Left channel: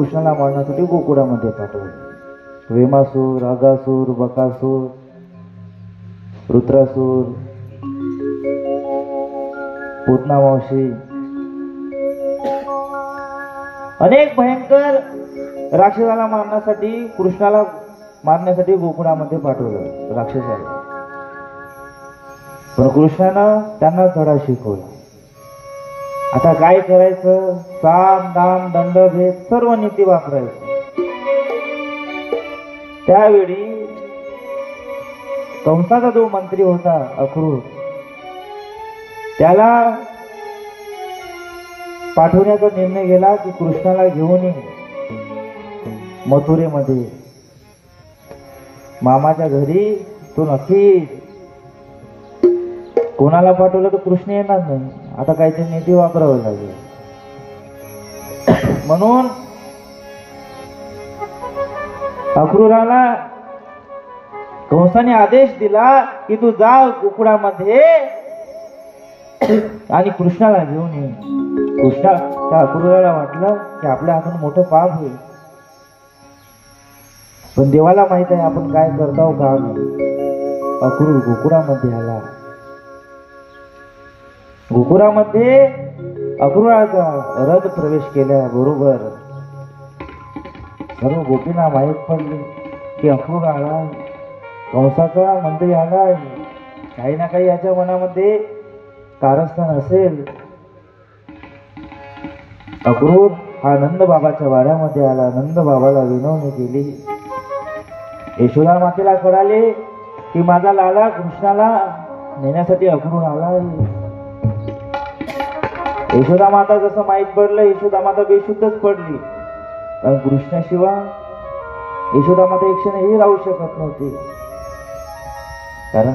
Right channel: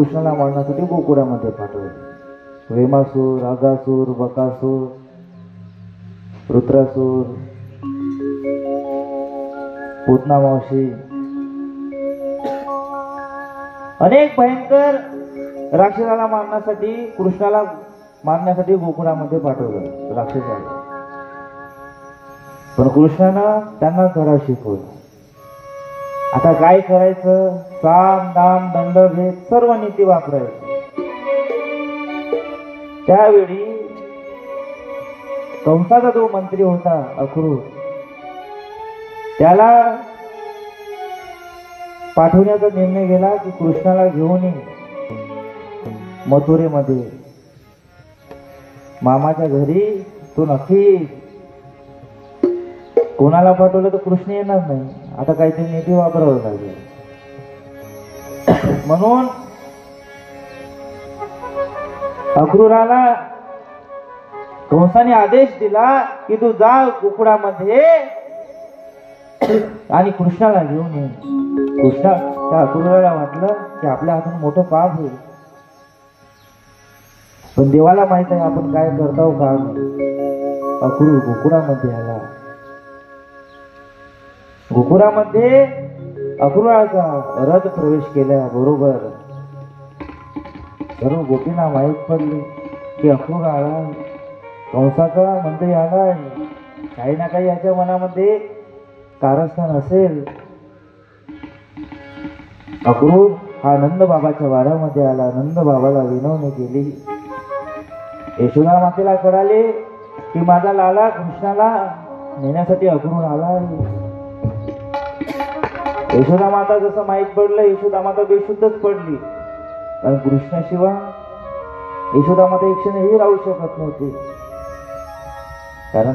कृष्णाला मारण्यासाठी गोकुळामध्ये पाठवलं. भीमासूर, अगासूर, बकासूर, रुद्रासूर, पूतना मावशी अनेक भयंकर राक्षसाला मारण्यासाठी कृष्णाला मारण्यासाठी गोकुळामध्ये पाठवलं राक्षसाला. पण कृष्णानं त्यांना धडा शिकवला. आता काय करायचं, साम दाम दंड भेद सर्व नीती वापरायचं. त्यावेळी कंसाचा जो मंत्री होता अक्रूर, त्याला पाठवण्याचा निर्णय केला की कृष्णाला घेऊन ये मथुरेमध्ये मामाच्या घरी. तो नक्की कोणाला पाठवलं तर कृष्ण येणार नाही. आता काहीतरी नीती वापरावं लागेल. म्हणून अक्रूराला कंसाने आदेश दिला की तू जा गोकुळामध्ये आणि कृष्णाला घेऊन ये. कृष्णा त्या अक्रूराला वाटलं की आपल्या हातून मोठं पाप होईल, पण देवाला माहित आहे आपण काय करतो का नाही. अक्रूर गोकुळामध्ये आला. गोकुळामध्ये अक्रूराचा रथ प्रवेश केल्याबरोबर सर्व गोपींना माहीत पडले की अक्रूर आला, कंसाचा मंत्री आला. काही ना काही याच्या मनामध्ये कारस्थान असेल. अक्रूर हा नंद बाबाच्या वाड्यामध्ये आला. नंद बाबाला विनवणी केली. यशोदा मातेला कळाले की माझा लाडा कृष्णाला नेण्यासाठी अक्रूर आला. यशोदा माता जसं माहीत पडलं, यशोदा माता बेशुद्धच पडली. कारण कृष्णाशिवाय यशोदा माता एक क्षणही राहू शकत नव्हती.